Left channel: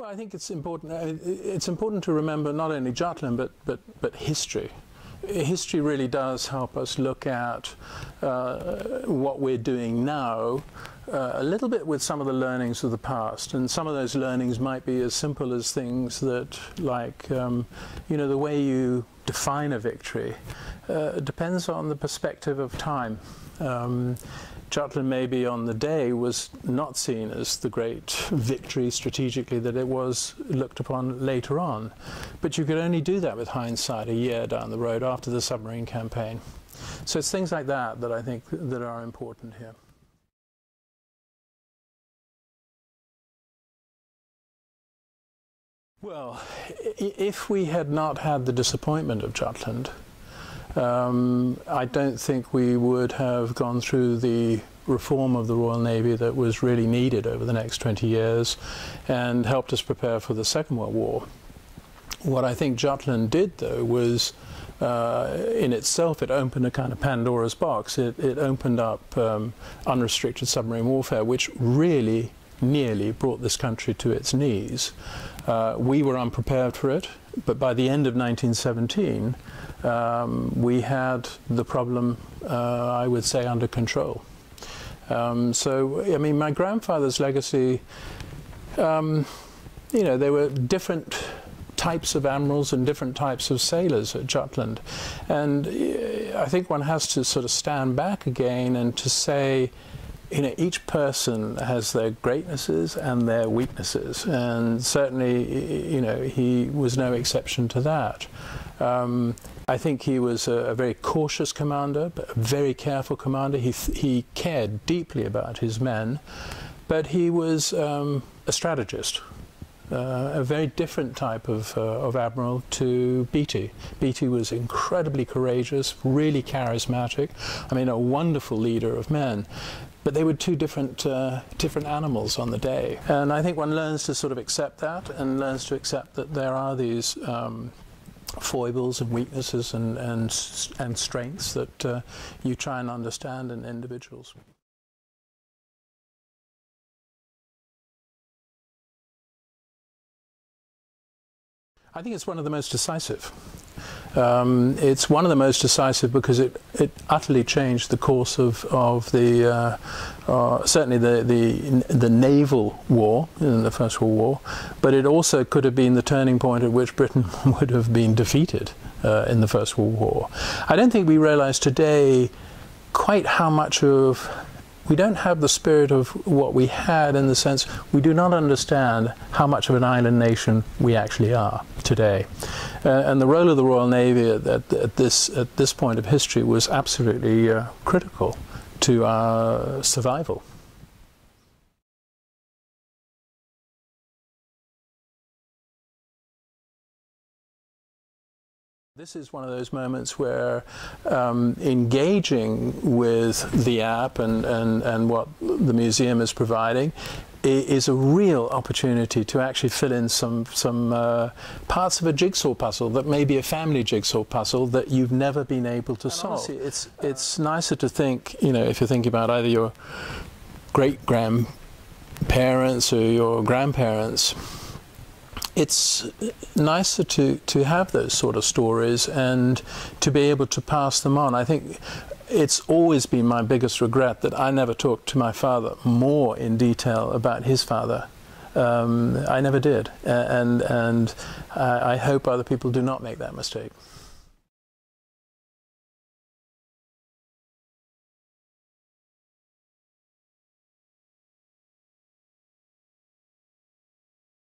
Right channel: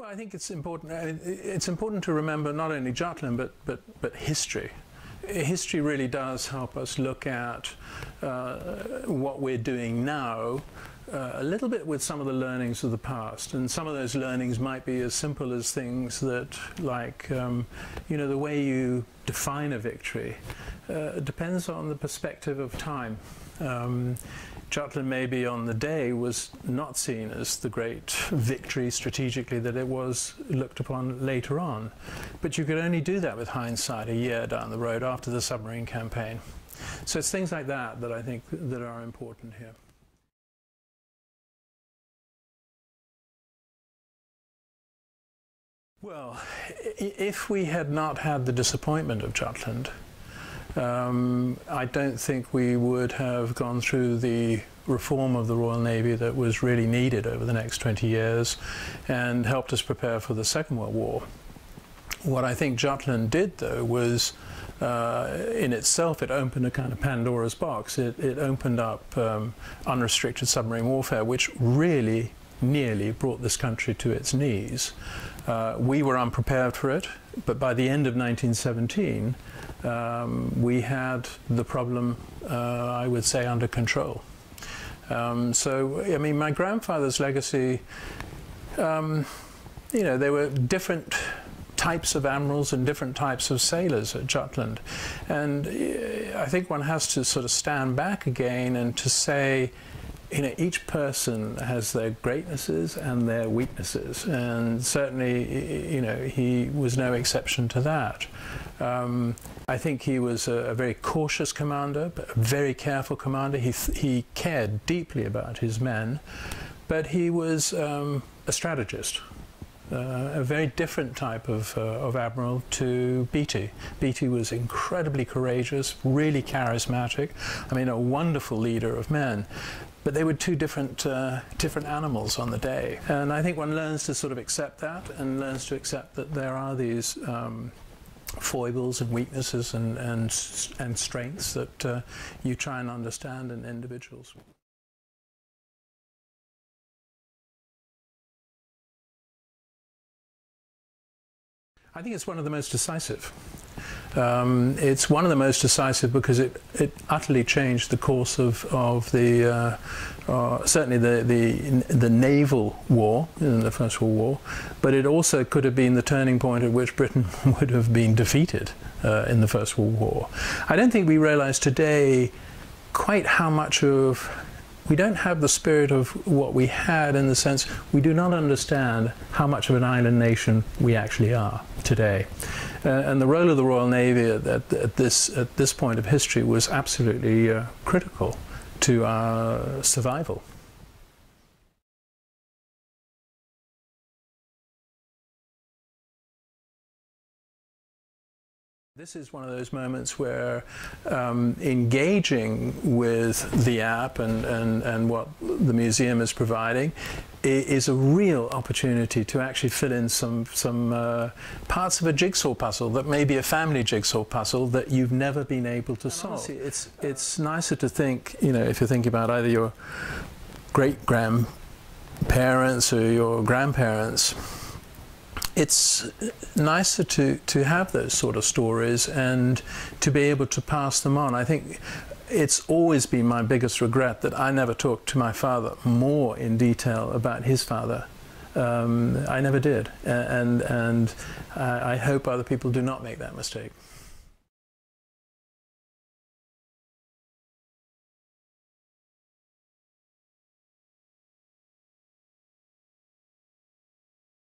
Well, I think it's important. It's important to remember not only Jutland but history. History really does help us look at what we're doing now a little bit with some of the learnings of the past, and some of those learnings might be as simple as things that, like, you know, the way you define a victory depends on the perspective of time. Jutland maybe on the day was not seen as the great victory strategically that it was looked upon later on. But you could only do that with hindsight a year down the road after the submarine campaign. So it's things like that that I think that are important here. Well, if we had not had the disappointment of Jutland, I don't think we would have gone through the reform of the Royal Navy that was really needed over the next 20 years and helped us prepare for the Second World War. What I think Jutland did, though, was in itself, it opened a kind of Pandora's box. It opened up unrestricted submarine warfare, which really nearly brought this country to its knees. We were unprepared for it, but by the end of 1917, we had the problem, I would say, under control. So, I mean, my grandfather's legacy, you know, there were different types of admirals and different types of sailors at Jutland. And I think one has to sort of stand back again and to say, you know, each person has their greatnesses and their weaknesses. And certainly, you know, he was no exception to that. I think he was a very cautious commander, but a very careful commander. He cared deeply about his men, but he was a strategist, a very different type of admiral to Beatty. Beatty was incredibly courageous, really charismatic, I mean, a wonderful leader of men. But they were two different animals on the day. And I think one learns to sort of accept that and learns to accept that there are these foibles and weaknesses and strengths that you try and understand in individuals. I think it's one of the most decisive. It's one of the most decisive because it utterly changed the course of the certainly the naval war in the First World War, but it also could have been the turning point at which Britain would have been defeated in the First World War. I don't think we realize today quite how much of we don't have the spirit of what we had, in the sense we do not understand how much of an island nation we actually are today. And the role of the Royal Navy at this point of history was absolutely critical to our survival. This is one of those moments where engaging with the app and what the museum is providing is a real opportunity to actually fill in some parts of a jigsaw puzzle that may be a family jigsaw puzzle that you've never been able to solve. Honestly, it's nicer to think, you know, if you're thinking about either your great-grandparents or your grandparents, it's nicer to have those sort of stories and to be able to pass them on. I think it's always been my biggest regret that I never talked to my father more in detail about his father. I never did, and I hope other people do not make that mistake.